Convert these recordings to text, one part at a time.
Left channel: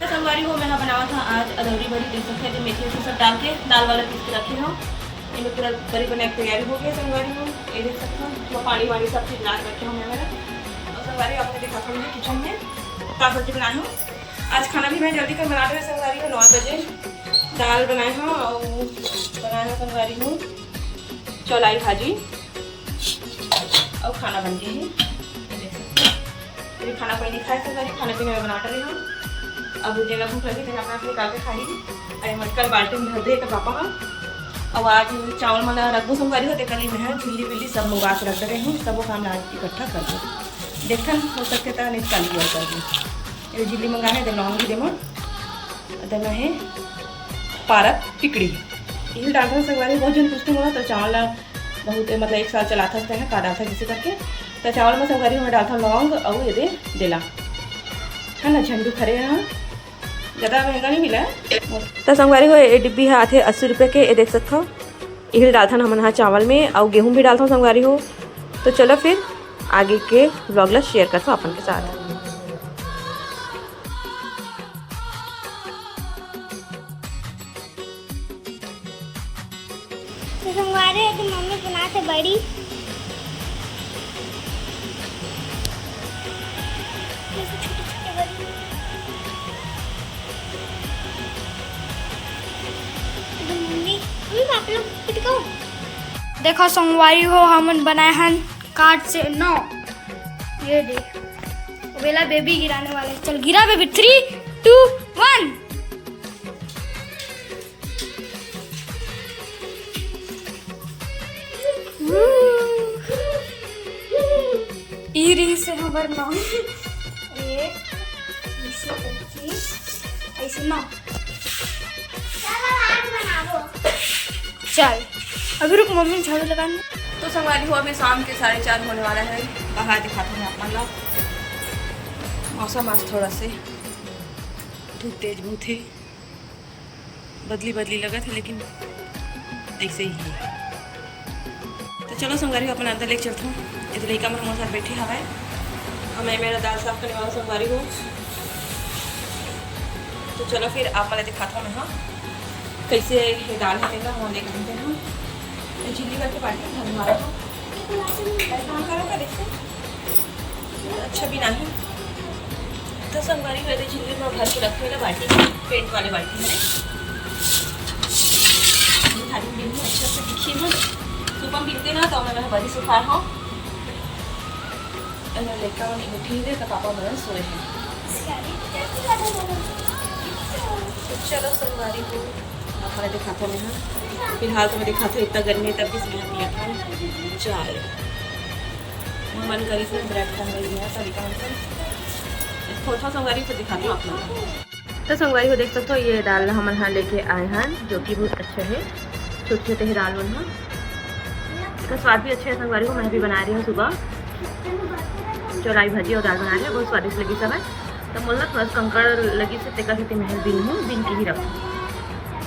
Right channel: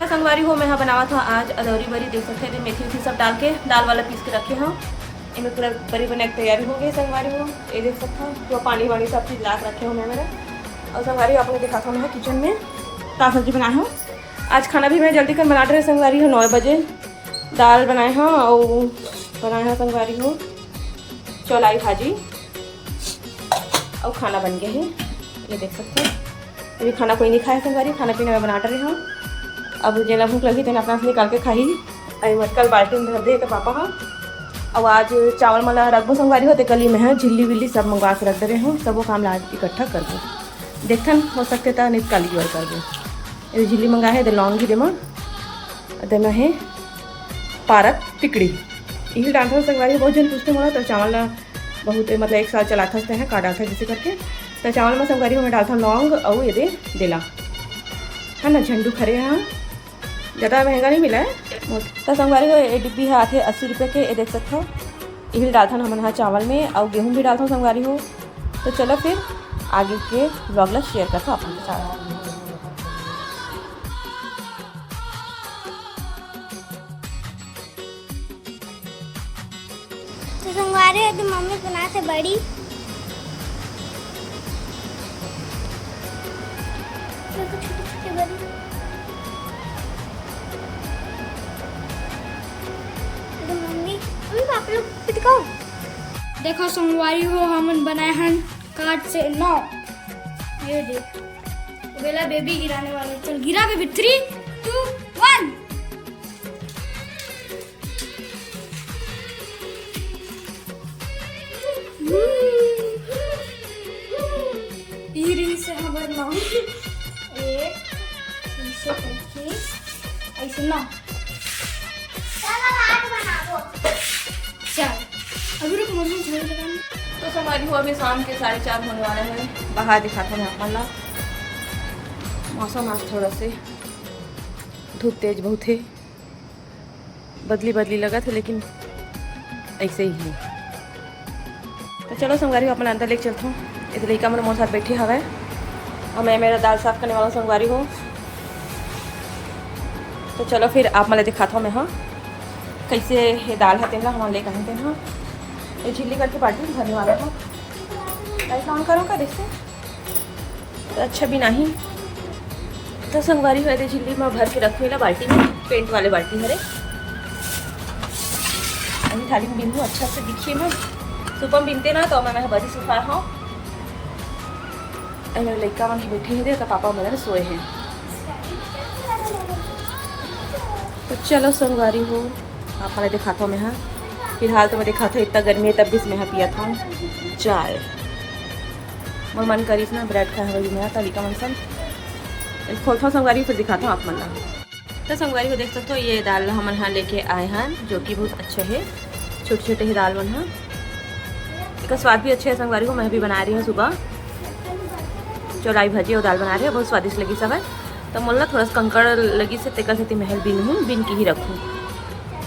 संगवारी हो मैं यहाँ बनावा था आज अदौरी बड़ी, देख सकते हैं मेथी वेथी सब डाल के दाल वाला पीस के रखे हूँ। इनमें पूरा बड़ी बनाने की तैयारी हो गई संगवारी हो। ये देख सकते हो जो पानी वानी सब चीज़ ला रखे हूँ मैं मेरा। और संगवारी आपने दिखाता हूँ मैं किचन में का सब्जी बनाई हूँ। आज खाना भी मैं जल्दी कर बना रहे संगवारी हूँ। 9 बजे दाल बनाए हैं और बनाए हैं संगवारी हूँ चौलाई भाजी और खाना बन गया है। ये देख सकते हैं ये खाना कोई नहीं खाया संगवारी, खाना पीना मैं बना रही हूँ। अब जेला भूख लगी तेना अपना निकाल के खाई। अरे मत कल बाल्टी में भर दे तो पापा का। अब आज चावल मला रखबो संगवारी होते कल मैं है झिल्ली विल्ली सब मंगवा के रख दे रही हूँ। सब वो काम आज इकट्ठा कर दो देखन हो सकते तो निकाल लिया कर दो। ये झिल्ली मंगा है लौंगी देमा है पारक पिकड़ी यही डालता हूँ संगवारी। बहुत जन पूछते हो तो चावल बहुत मतलब 1 साल चलाता है का डालता है जिसे करके तो चावल में संगवारी में डालता हूँ लौंग और ये देला है ना झंडू खरे यहाँ ज़्यादा महंगा नहीं मिला है। तो संगवारी को ये डिब्बी है आते 80 रुपये के। ये देख सकते हो यही डालता हूँ हम यहाँ चावल में और गेहूँ भी डालता हूँ संगवारी हो। तो चलो फिर आगे के व्लॉग ला शेयर करता हूँ अपन के साथ। तो संगवारी है तो मम्मी बनाते बड़ी छोटे छोटे बड़ी आप लोग दिखाओ। देखो संगवारी हो हम बनाए हैं कार्ड से 9। ये देख बेला बेबी गिराने वाले। चल गिरा बेबी 3 2 1। ई रिंग से हमार 9 1 ऐसे करके ऐसे 9। चल अभी रुक मम्मी झाड़ू लगाने। तो संगवारी हो अभी शाम के 4:30 होने वाला है। बाहर दिखाता हूँ आप मतलब मौसम आज थोड़ा से धूप तेज बहुत है बदली लगा था लेकिन ऐसे ही है। तो चलो संगवारी हो अपना अंदर लेके चलता हूँ। इस लड़का मेरे मोर साथ बैठी हवा है और मैं मेरा दाल साफ करने वाला संगवारी हो। तो चलो फिर आप मैं दिखाता हूँ मैं हाँ कैसे ये दाल है तेरा हमारे ले कहीं हाँ ये चिल्ली करके पार्टी धरने वाला था। कई काम करो का देखते तो अच्छा भी नहीं। तो संगवारी हुए थे चिल्ली में भर के रखे ना बाल्टी में पेंट वाले बाल्टी मेरे खाली बिनू अच्छा से दिखी ना सुबह बिनते ना तो मैंने बड़ी सुखा हाँ लड़का मन बैठी थे तो पापा मेरे सोए हैं। तो चलो संगवारी हो आप मैं दिखाता हूँ मैं हाँ फिलहाल तो मैं दिखाता हूँ इतना गर्मी है तब भी मैं यहाँ पिया था चाय मैं मन करी ना ब्रेड खा रही है कभी का मन खोलता हूँ संगवारी फिर दिखाता हूँ आप मन। तो संगवारी को देख सकते हो ये दाल हम यहाँ लेके आए हैं जो कि बहुत अच्छा है। छोटे छोटे ही दाल मन है इसका स्वाद भी अच्छा है संगवारी को। मैं भी बना रही हूँ सुबह चौलाई भाजी और दाल बना रही है बहुत स्वादिष्ट लगी सब है। तो मुल्ला थोड़ा सा कंकड़ लगी से टेका से महल बिन हूँ बिन की ही रखूँ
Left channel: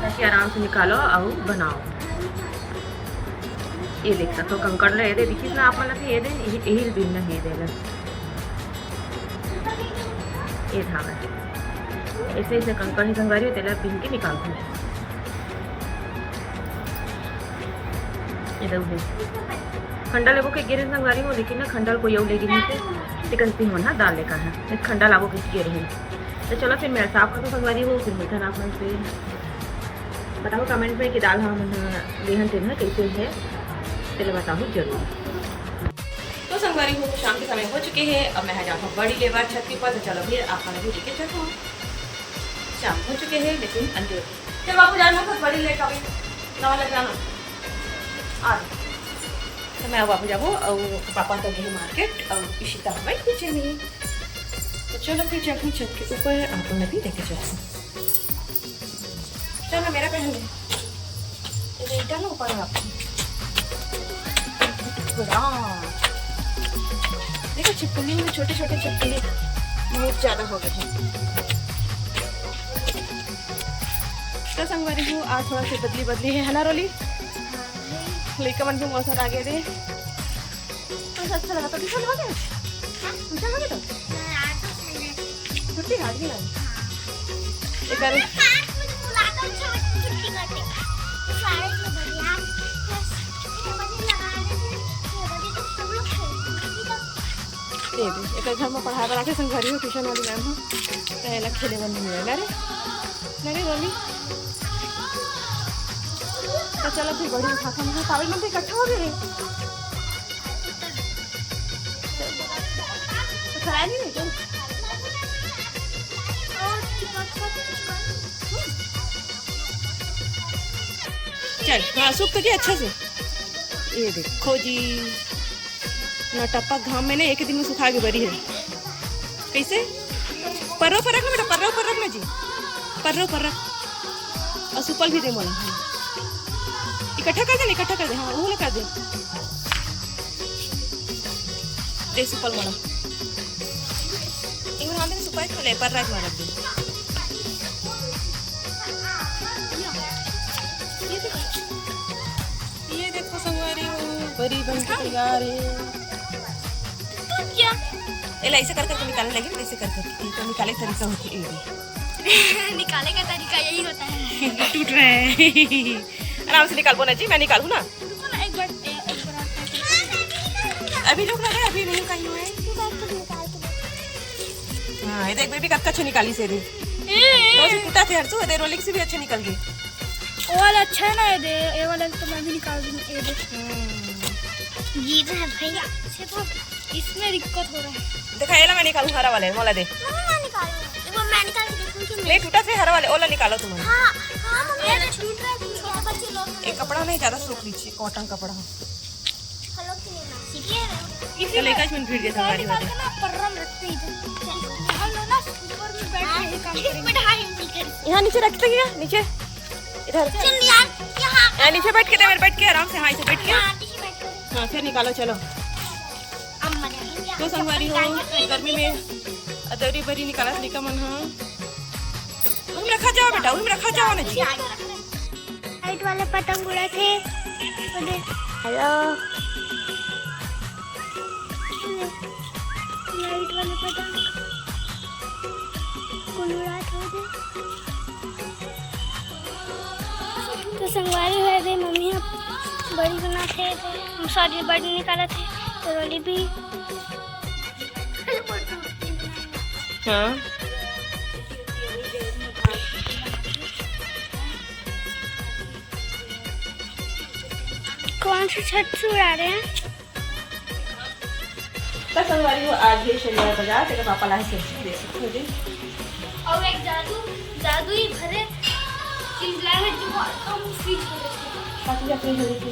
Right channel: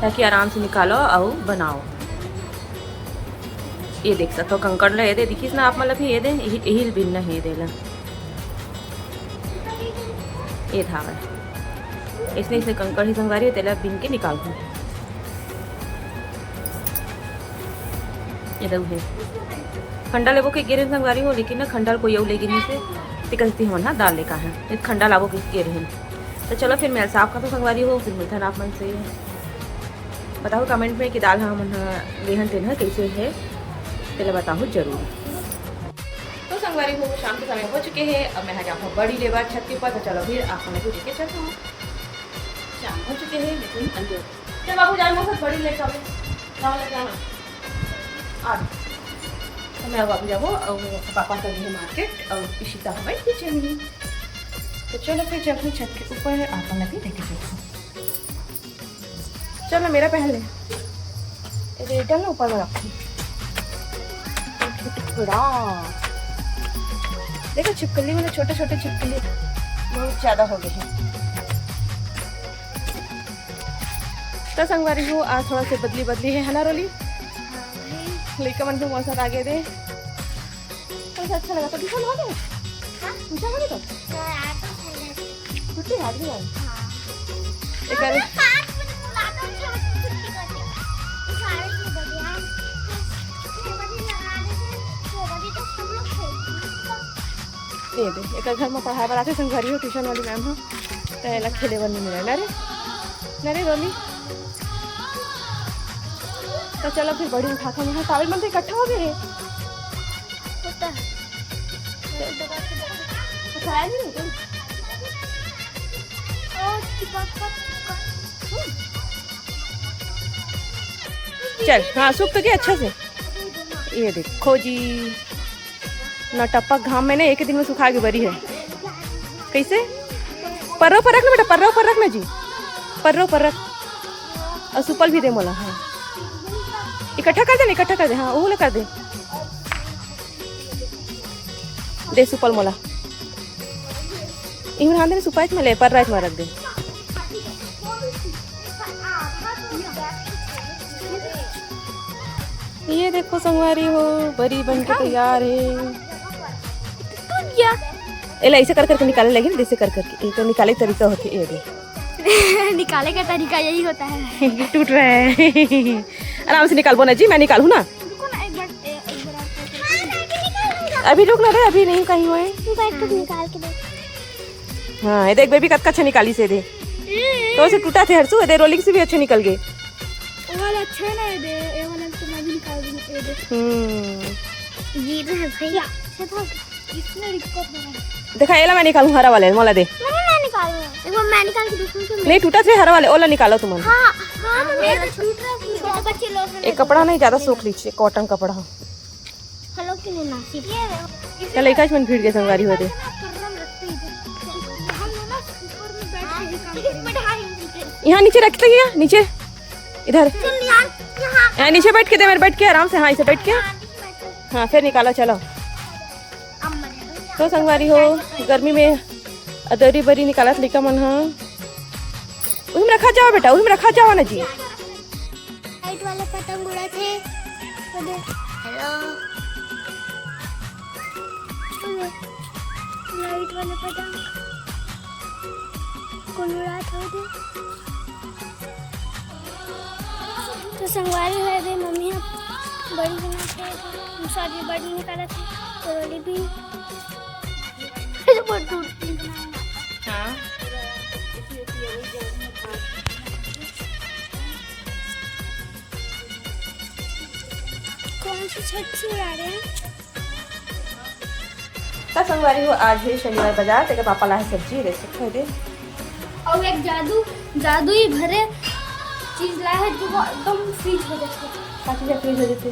ताकि आराम से निकालो और बनाओ। ये देख सकते हो कंकड़ ले दे दिखी ना आप मतलब ये दें यही बिन ना ही दे ये धागा इसलिए इसे कंकड़ ही संगवारी तेला बिन के निकाल दूँ। ये है खंडा लेबो के गिरे संगवारी हो लेकिन ना खंडा कोई और ले गिरने से टिकलती हो ना दाल लेका है एक खंडा लाबो किस गिर रहे। तो चलो फिर मैं साफ करता संगवारी हो फिर मीठा आप मन से बताओ कमेंट में कि दाल हम लेहन तेन कैसे है चलो बताओ जरूर। तो संगवारी हो शाम के समय हो चुके हैं। अब मैं जाता हूँ बड़ी लेबर छत के ऊपर। तो चलो फिर आप मैंने भी देखे सकूँ शाम हो चुके हैं लेकिन अंजोर चल बाबू जान बहुत बड़ी लेट आओ ना लग जाना आज। तो मैं बाबू जाबो और पापा तो गए मार्केट और इशिता हमारी पीछे नहीं। तो चलो फिर जाऊँ छत के ऊपर आप मैं भी देखे चलूँ। चलो मेरा पहन ले रेटा ना ऊपर रखो देखो छिपकली में छोटे छोटे छिपकली बहुत ज़्यादा हो गए हैं। तो संगवारी हो आज थोड़ा से बदली है ना रोली लेकर मन के मौसम आगे दे तो अच्छा लगा। तो ट्यूशन हो गया ट्यूशन हो गया तो छुट्टी हाथ भी आई एकर 5 मिनट लाकर छुट्टी करते सारे के बड़े यार बस लगा दे तो सब लोग खेलते ये दे एकर घर में पढ़ाए बर आके संगवारी हो ट्यूशन वाली मैम हो तो एला खेले बर नहीं मिले ना रे रोली। तो चलो फिर बड़ी उठा था मुझे कावल मन इकट्ठा हो गए तो खराया नहीं तुम और चल हाँ सूख तो क्या अच्छा से। ये देखो जी ना टपक घाम में ना एक दिन में सुखा के बरी है कैसे पर्रो पर रख ना बेटा पर्रो पर रख ना जी पर्रो पर रख और सुपल भी दे मोला। हाँ इकट्ठा कर दे हाँ वो ना कर दे सुपल मोला इन आंदे सुपाई में ले पर रात में रख दे। ये देखो संगवारी हो बड़ी बन के तैयार है। एला ऐसे कर करके निकालने लगे जैसे कर करके तो निकाले तरीका होती है। निकाले का तरीका यही होता है। टूट रहा है आराम से निकाल ना जी मैं निकालू ना रुको ना एक बार अभी रुक ना रे अभी नहीं कहीं हुआ है। निकाल के हाँ ये देख बेबी कत अच्छा निकाली से दे तो उसे टूटा थे हरसू दे रोलिंग से भी अच्छे निकल गए। वो वाला अच्छा है ना ये वाला तो मैं भी निकाल दूंगी ये देख ये तो सबसे अच्छा था इसमें दिक्कत हो रहा है। देखा एला मैं निकालू हरा वाले मोला दे मैं निकालूंगा वो मैं निकाल के देखूंगी नहीं टूटा थे हरा वाले ओला निकालो तुम। हां हां मम्मी तो छूट रहा है बच्चे लोग एक कपड़ा नहीं ज्यादा सूख लीजिए कॉटन कपड़ा हेलो के लिए ना चल एक मन भीड़ के संगारी होते यहाँ नीचे रखते हैं नीचे इधर यहाँ नीचे बैठ के दे मेरे बैठ के आराम से। हाँ इसे बैठ के हाँ फिर निकालो चलो। तो संगवारी हो गर्मी में अदरी बरी निकाला लिखा मन हो उनमें रखा जाओ बेटा उनमें रखा जाओ ना जी। लाइट वाले पतंग उड़ा थे आया लाइट वाले पतंग कौन उड़ा था तो संगवारी है दे मम्मी बड़ी बना थे सॉरी बड़ी निकाला थे तो रोली भी हाँ कौन सी छत से उड़ा रहे हैं। तो संगवारी हो आज भी शनिवार बाजार तेरे पापा ला सब्जी ले सकते हो दे और एक जादू ही भरे चीज लाए हैं जो एकदम फ्रीज हो जाते हैं। काफी जा फ्रीज हो जाते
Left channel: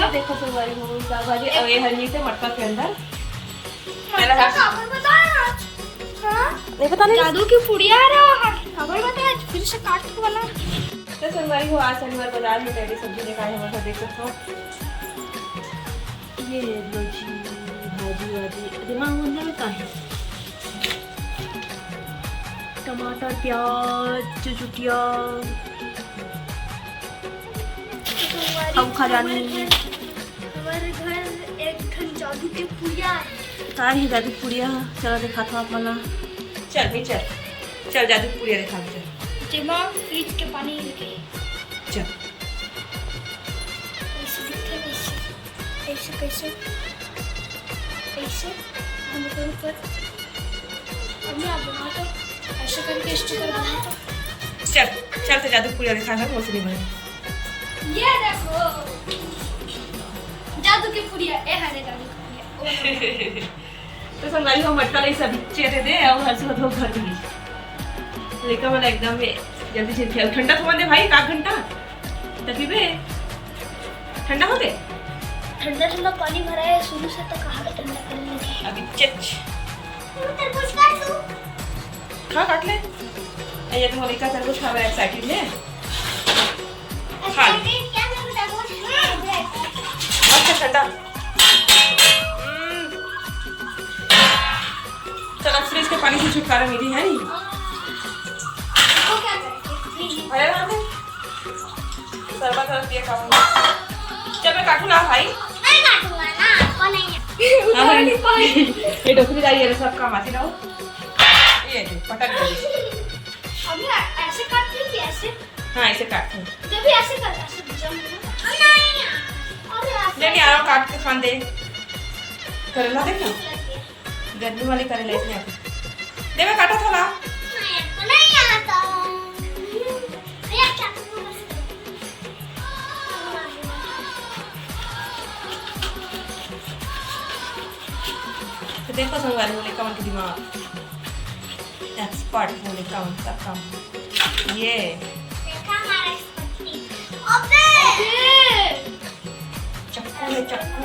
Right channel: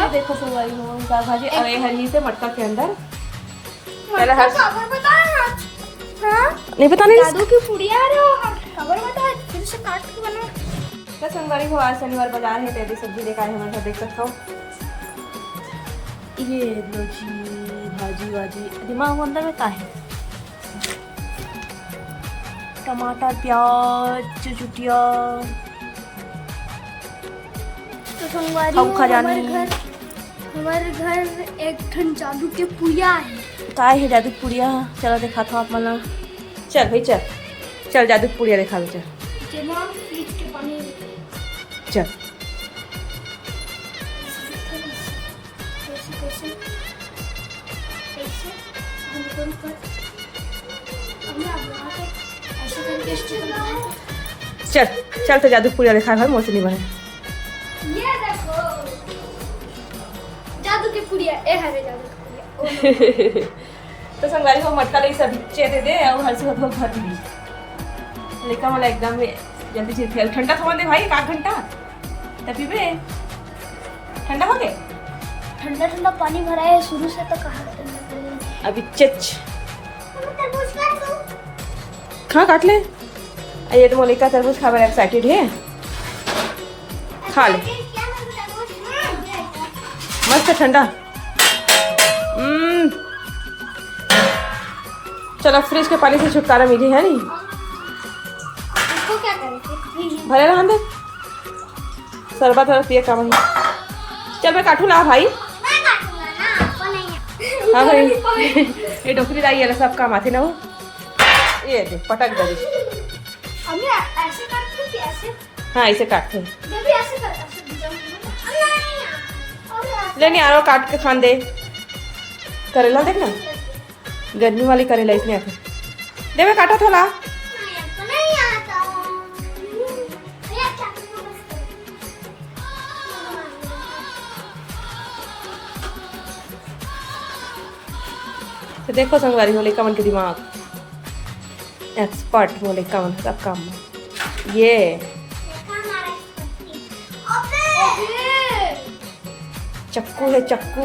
ये देखो संगवारी हो दाल भाजी और ये हरी से मटका के अंदर पहले हर नहीं बताने जादू की पुड़िया खबर बता फिर से काट के बनाओ। तो संगवारी हो आज शनिवार बाजार में पहले सब्जी लेकर आए हैं देख सकते हो। ये लो जी भाजी वाजी दिमाग अंदर में का है टमाटर प्याज चुटिया खा जानी हमारे घर एक ठन जादू के पुड़िया है। का है जादू पुड़िया चलो देखा था आप मना चल भाई चल जादू पुड़िया देखा दो चल जेमा फ्रिज के पानी चल कैसे कैसे कैसे हम तो ऊपर हमने आप बनाते ऐसे करके स्टिकर बनाते चल तो जादू पुड़िया देखा है मौसमी बहन। ये देखो जादू की पुड़िया ए हरे जादू की पुड़िया तो संगारी हो मटका ले सब चेहरे दे और हर से हो भर दी लेका मला एकदम जल्दी से ठंडा थमा दे भाई 1 घंटा तभी बे ठंडा हो गए ठंडा ठंडा पानी भरा है शुरू से तो कहाँ ठंडा कर लेंगे अभी चच तरबूज काट लूं खा काट ले ये तो मोनिका तरबूज खा बड़ा एक्साइटेड है खा ले क्या तरबूज मस्त ठंडा चलो फ्रिज के पानी से छुटकारा मिली है नहीं इसको क्या करें भरे ना दे शरबत और पिए कम चल मैं काटू ना भाई मैं काटूंगा ना आपको नहीं है। ये डोकरी दाई ये सब काम आते ना वो ये के पटक दे हमने हाँ ऐसे काटते हैं। बेबी ऐसे करता ले नहीं आरो काट के खान दे। करेला देख ना, गर्मी वाली करेला इसमें आकर दे। मैं काटा था ला। नहीं आता ये क्या तो देखो संगवारी मोले कमन के दिमाग, एक्सपर्ट मोले कमन का काम ये। चक्कू है चक्कू।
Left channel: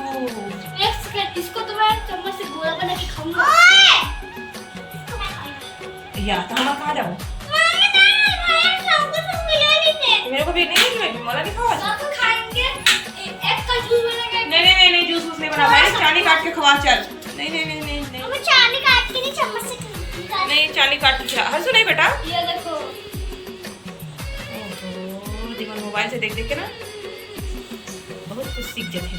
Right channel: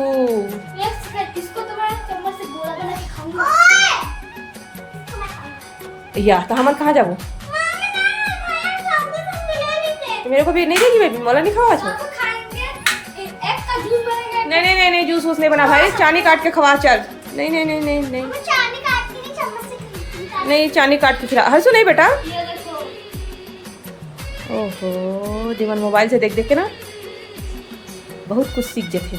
इसको तो मैं चम्मच से गोला बना के खाऊंगा। या तो हम कहाँ जाबो? मेरे को भी नहीं देगी बेबी, मला नहीं खावा अच्छा। खाएंगे एक का जूस बनेगा। नहीं जूस नहीं बना भाई, चानी काट के खवा चल। नहीं चानी काट के नहीं चम्मच से नहीं, चानी काट के खिला। हंसू नहीं बेटा। ये देखो ओहो जीवन मोबाइल से देख देख के ना बहुत कुछ सीख जाते।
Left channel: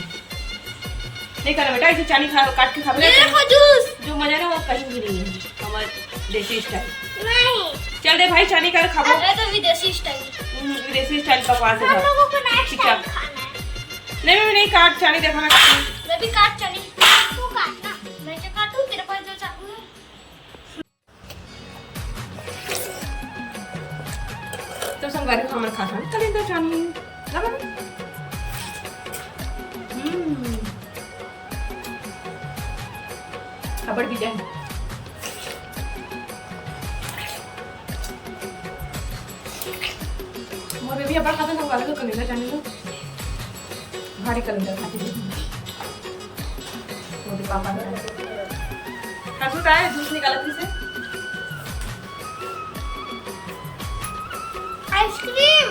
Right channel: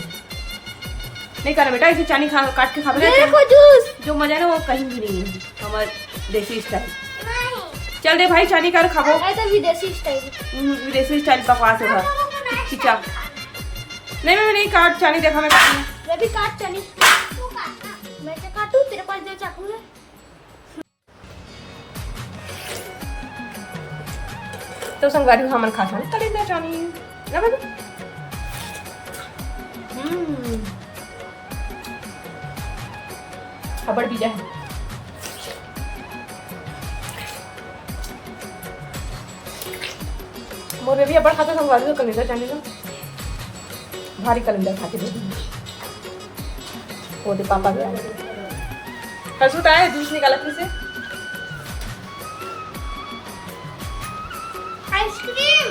नहीं करे बेटा, इसे चानी खा काट के खा। ये देखो जूस। जो मजा है ना वो कहीं भी नहीं है, हमारे देसी स्टाइल। नहीं चल दे भाई, चानी कर खाबो। ये तो विदेशी स्टाइल। विदेशी स्टाइल बकवास है भाई। खिंचा नहीं काट चानी, देखा मैं काटूं। मैं भी काट चली। तू काटना मैं क्या काटूं? तेरे पास जो चाकू है। तो संगवारी को हमन खाता नहीं करेंगे चानी ना बेबी। खबर भी जाए। मोरे भी अपन खाते संगवारी को कलेंडर चानी ना भारी कलेंडर खाते देंगे। वो दे पापा गया हंसू का है, जूस निकाला किसे? आइसक्रीम।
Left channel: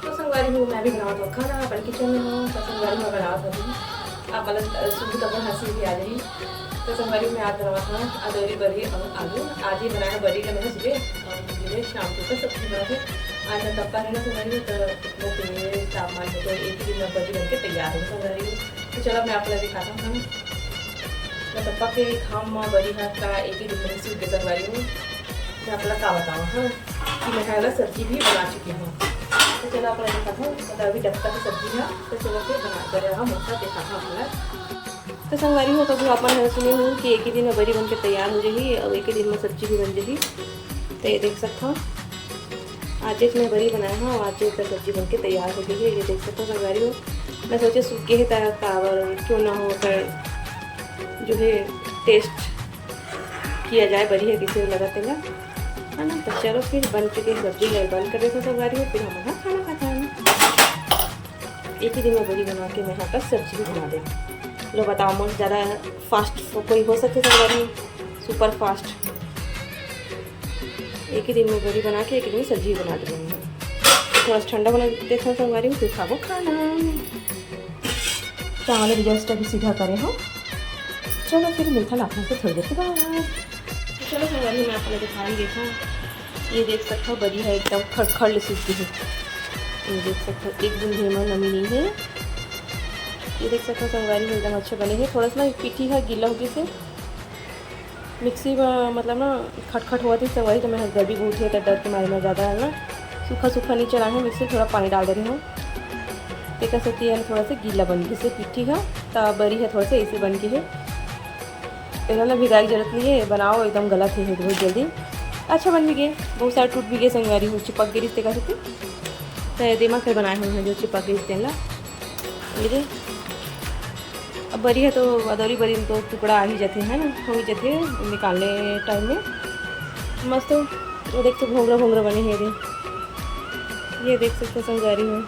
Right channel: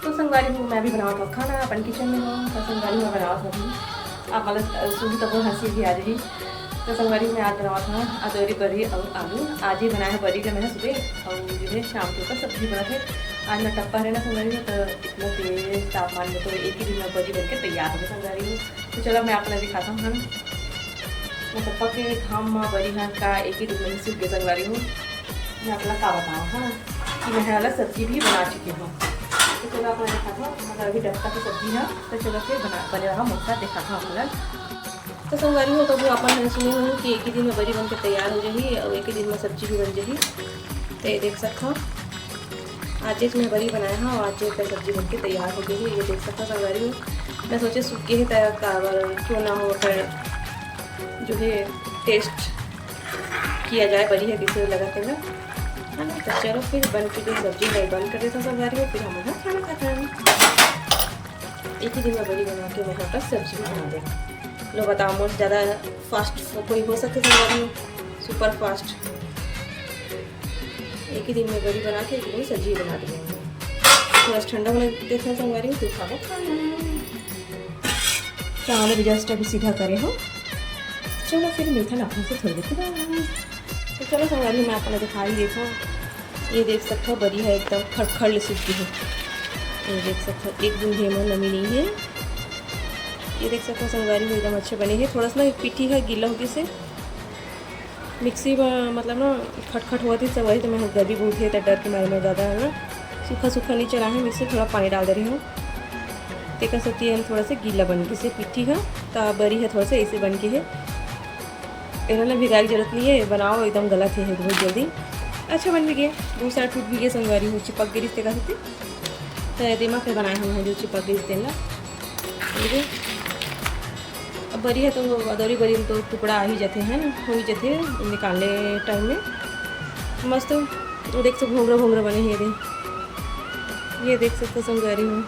तो संगवारी हूँ मैं भी बनावा तो खाना अपन किचन में हूँ। तो संगवारी में बनावा था भी आप मतलब सुबह तक हंसी भी आ जाएगी। तो संगवारी में आज बनावा था अदौरी बरी और आलू। आज ही बनाया है बरी का मैंने सुबह, और मुझे शाम को तो सब्जी बना के आज मैं टप्पा रहना संगवारी में। तो इतना तेज तापमान में तो एक ही दिन में बरी बन के तैयार हो संगवारी। तो चलो मैं आप लोग दिखाता हूँ ना, मैं टप्पा के खाम माँ बरी हाँ का एक ही दिन में सूख गया संगवारी हूँ। मैं अपना का बताऊँ है ना कि मैं वाला सब्जी भी बना चुकी हूँ। तो चलो अपना देखा था मतलब अभी डक्का की सब्जी है। तो चलो फिर बना हुआ मौका देखा था अपना। तो संगवारी हो तो भी अपन सुनी हूँ कि एक ही दिन में बड़ी बन के तैयार हो जाएगी और एक ही दिन में सब्जी भी बन जाएगी। तो ये देख सकता हूँ आज मैं बड़ी बनाया हूँ और आज का सब्जी बन के तैयार हो गई है। ये देख सकता हूँ संगवारी हो। मैं सोचे सूखे ही तैयार कावर क्यों ना हो कर जो है टेस्ट किया जाए बड़ी है किसी लगाते हैं है ना। तो चलो फिर बन चुकी सब्जी मैं बंद कर देता हूँ संगवारी हो। फिर हम वहाँ खाना खाता है। एक ही दिन में बड़ी बना के मैं यहाँ पर सब्जी भी बना दें। लो बताओ मोस्ट ज़्यादा फास्ट कोई हो सकते संगवारी हो, सुपर फास्ट। एक ही दिन में बड़ी बना के एक दिन में सब्जी बना देंगे। थोड़ा ठंडा बना देखा संगवारी हो, फिर खाओ खाना। चावल भी जस्ट अभी सीधा करे हो। चलो फिर मिलता लाखों से थोड़ी देर के बाद। तो चलो संगवारी मैं आपको दिखा ही देखा। ये देख सकता हूँ बड़ी है एकदम खड़खड़ सूखी है। ये देख सकते हो एक दिन भी नमी नहीं है। ये देख सकते हो संगवारी में एकदम अच्छे बने हैं। थोड़ा सा ना पिठी है गीला होगी से मिक्सी में मतलब ना खटखट हुआ थी संगवारी। तो मैं गर्मी बहुत है तो डर के मारे में ज़्यादा है ना सूखा नहीं चला है मिक्सी, थोड़ा पानी डाल दे रही हूँ। टेका सकती है थोड़ा सा गीला बन गई से पिठी है तो बड़ी है थोड़ा सा ऐसे बन के है। इन्होंने भिगाई की जरूरत नहीं है, बनाओ एकदम गलत है बहुत जल्दी। अच्छा बन भी गए, बहुत सारे टूट भी गए संगवारी हूँ। चिपक गई रिश्ते का सकते तो दिमाग से बनाए हुए हैं जो चिपक गई रिश्ते ला। ये अब बरी है तो अदौरी बरी में तो टुकड़ा आ ही जाते हैं ना, हो ही जाते हैं निकालने टाइम में मस्त। तो देख सकते घोंगरा बने हैं ये देख सकते संगवारी में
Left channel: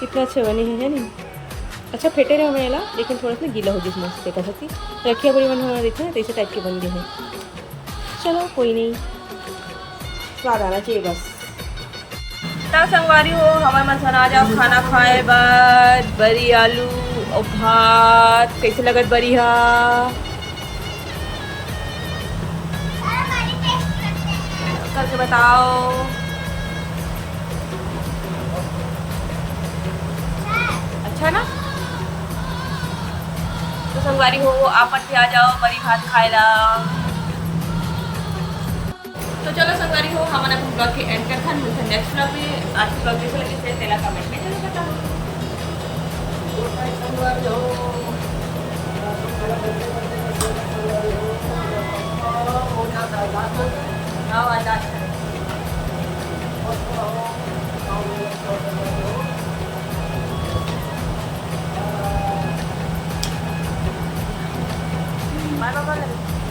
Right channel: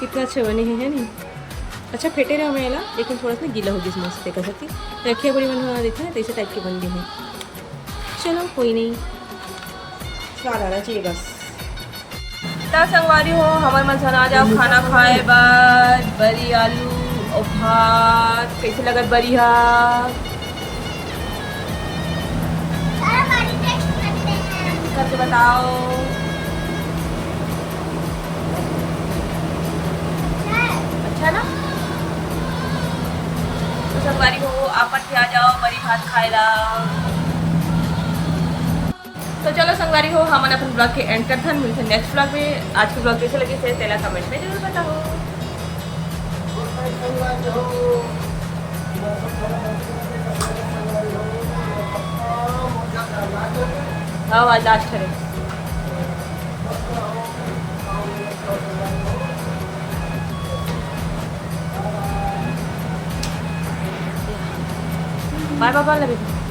कितना अच्छे बने हैं है नहीं। अच्छा फेटे रहे मैं ला लेकिन थोड़ा सा गीला हो गई मस्त देखा सकती रखिया बड़ी बना देखा है तो इसे टाइप के बन गए हैं। चलो कोई नहीं, स्वाद आना चाहिए बस। तब संगवारी हो हमारे मन आ जाओ खाना खाए बाद बरी आलू और भात कैसे लगत बरी हा। करके बताओ। अच्छा ना तो संगवारी हो आप आ जाओ बरी भात खाएला। तो तो चलो संगवारी हो हम अपन ब्लॉग के एंड करते हैं, मिलते हैं नेक्स्ट ब्लॉग में। आज के ब्लॉग कैसे लगे फिर पहला कमेंट में जरूर बताओ। आज करें बाय बाय।